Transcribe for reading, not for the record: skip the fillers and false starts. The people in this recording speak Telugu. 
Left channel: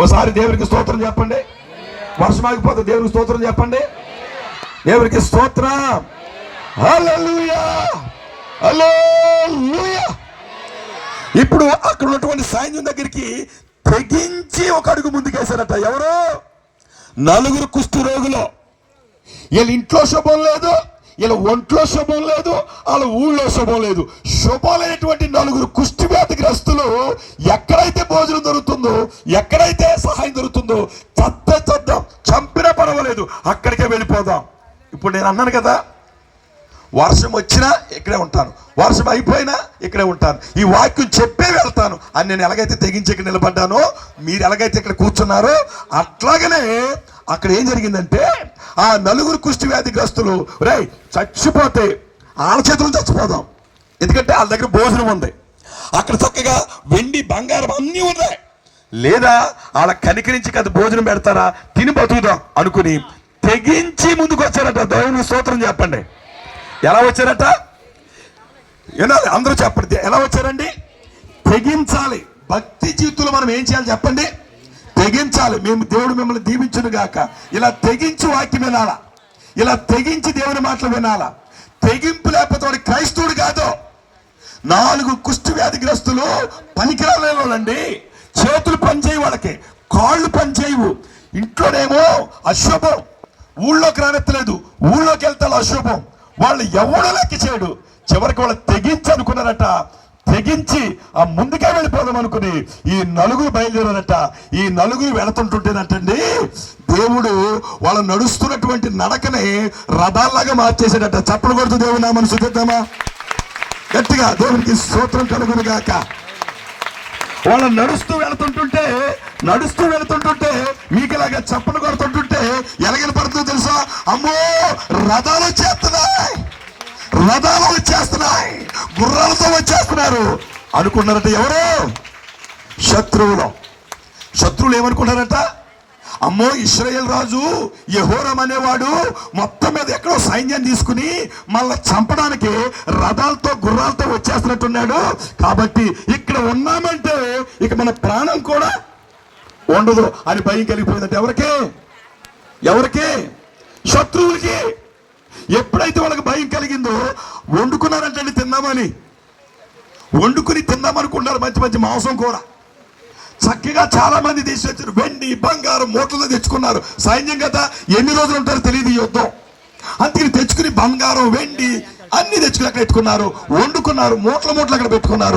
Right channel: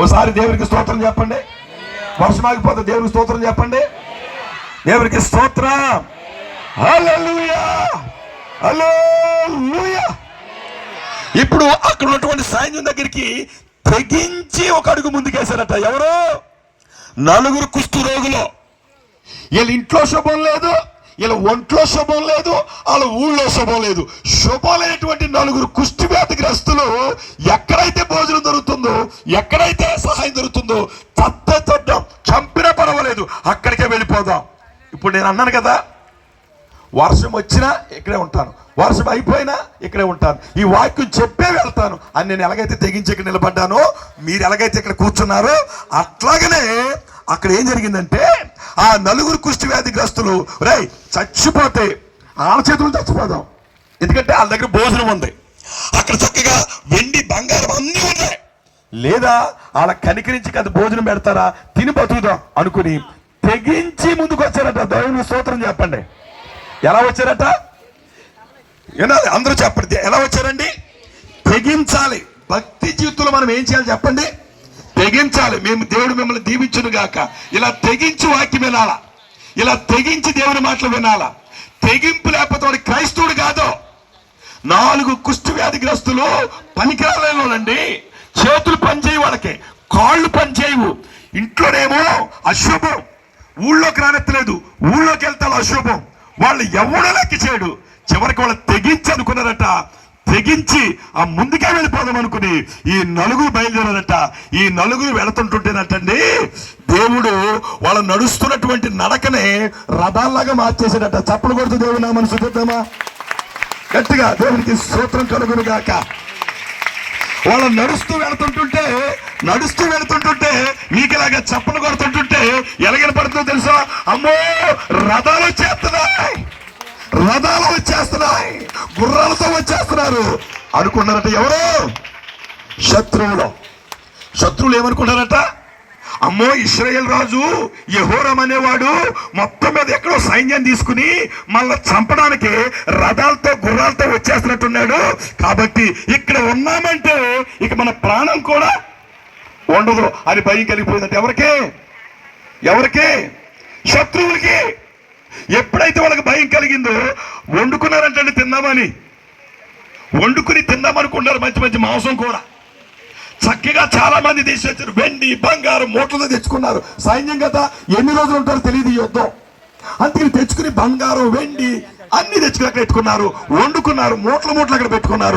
ఓసారి దేవునికి స్తోత్రం చెప్పండి. వర్షం ఆగిపోతే దేవునికి స్తోత్రం చెప్పండి. దేవునికి స్తోత్రం. హల్లెలూయా, హల్లెలూయా. ఇప్పుడు అక్కడ ఉన్నటువంటి సైన్యం దగ్గరికి తెగించి ఒక అడుగు ముందుకేశారట. ఎవరు? 4 కుష్టు రోగులు. వీళ్ళ ఇంట్లో శుభం లేదు, వీళ్ళ ఒంట్లో శుభం లేదు, వాళ్ళ ఊళ్ళో శుభం లేదు. శుభమైనటువంటి 4 కుష్టి వ్యాధిగ్రస్తులు ఎక్కడైతే భోజనం దొరుకుతుందో, ఎక్కడైతే సహాయం దొరుకుతుందో చద్దాం, చంపినా పర్వాలేదు, అక్కడికే వెళ్ళిపోదాం. ఇప్పుడు నేను అన్నాను కదా, వర్షం వచ్చినా ఇక్కడే ఉంటాను, వర్షం అయిపోయినా ఇక్కడే ఉంటాను, ఈ వాక్యం చెప్పే వెళ్తాను అని నేను ఎలాగైతే తెగించి ఇక్కడ నిలబడ్డానో, మీరు ఎలాగైతే ఇక్కడ కూర్చున్నారో అట్లాగనే అక్కడ ఏం జరిగిందంటే ఆ 4 కుష్టి వ్యాధిగ్రస్తులు రై చచ్చిపోతే వాళ్ళ చేతులు చచ్చిపోదాం, ఎందుకంటే వాళ్ళ దగ్గర భోజనం ఉంది, అక్కడ చక్కగా వెండి బంగారం అన్నీ ఉన్నాయి, లేదా వాళ్ళ కనికరించి కదా భోజనం పెడతారా, తిని బతుకుదాం అనుకుని తెగించి ముందుకు వచ్చారట. దేవుని స్తోత్రం చెప్పండి. ఎలా వచ్చారట? అందరూ చెప్పండి, ఎలా వచ్చారండి? తెగించాలి. భక్తి జీవితంలో మనం ఏం చేయాలి చెప్పండి? తెగించాలి. దేవుడు మిమ్మల్ని దీవించును గాక. ఇలా తెగించి వాక్యం వినాలా, ఇలా తెగించి దేవుని మాటలు వినాలా. తెగింపు లేకపోతే వాడు క్రైస్తవుడు కాదు. 4 కుష్టి వ్యాధిగ్రస్తులు పనికిరాలేనండి. చేతులు పనిచేయవు, వాళ్ళకి కాళ్ళు పనిచేయవు, ఇంట్లోనేమో అశుభం, ఊళ్ళోకి రానెత్తలేదు, ఊళ్ళోకి వెళ్తాడు అశుభం, వాళ్ళు ఎవడో లెక్క చేయడు. చివరికి వాళ్ళు తెగించి అనుకున్నారట, తెగించి ఆ ముందుకే వెళ్ళిపోదాం అనుకుని ఈ 4 బయలుదేరారట. ఈ 4 వెళుతుంటుంటేనటండి దేవుడు వాళ్ళు నడుస్తున్నటువంటి నడకనే రథాల్లాగా మార్చేసాడట. చప్పలు కొడుతూ దేవుడు నామమున స్తుతిద్దామా? గట్టిగా దేవునికి స్తోత్రం కలుగును గాక. వాళ్ళు నడుస్తూ వెళుతుంటుంటే మీకు ఇలాగా చప్పలు కొడుతుంటుంటే ఎలాగని పడుతుందో తెలుసా? అమ్మో, రథాలు వచ్చేస్తున్నాయి, గుర్రాలతో వచ్చేస్తున్నారు అనుకున్నారట. ఎవరు? శత్రువులు ఏమనుకున్నారట? అమ్మో, ఇశ్రాయేల్ రాజు యెహోరాము అనేవాడు మొత్తం మీద ఎక్కడో సైన్యం తీసుకుని మళ్ళా చంపడానికి రథాలతో గుర్రాలతో వచ్చేస్తున్నట్టున్నాడు, కాబట్టి ఇక్కడ ఉన్నామంటే ఇక మన ప్రాణం కూడా ఉండదు అని భయం కలిగిపోయిందంటే ఎవరికి? శత్రువులకి. ఎప్పుడైతే వాళ్ళకి భయం కలిగిందో వండుకున్నారంటే వండుకుని తిందామనుకున్నారు. మంచి మాంసం కూర చక్కగా చాలా మంది తీసుకొచ్చారు. వెండి బంగారం మూటలతో తెచ్చుకున్నారు. సైన్యం కదా, ఎన్ని రోజులు ఉంటారో తెలియదు ఈ యుద్ధం. అందుకని తెచ్చుకుని బంగారం వెండి అన్ని తెచ్చుకుని అక్కడ పెట్టుకున్నారు, వండుకున్నారు, మూటలు అక్కడ పెట్టుకున్నారు.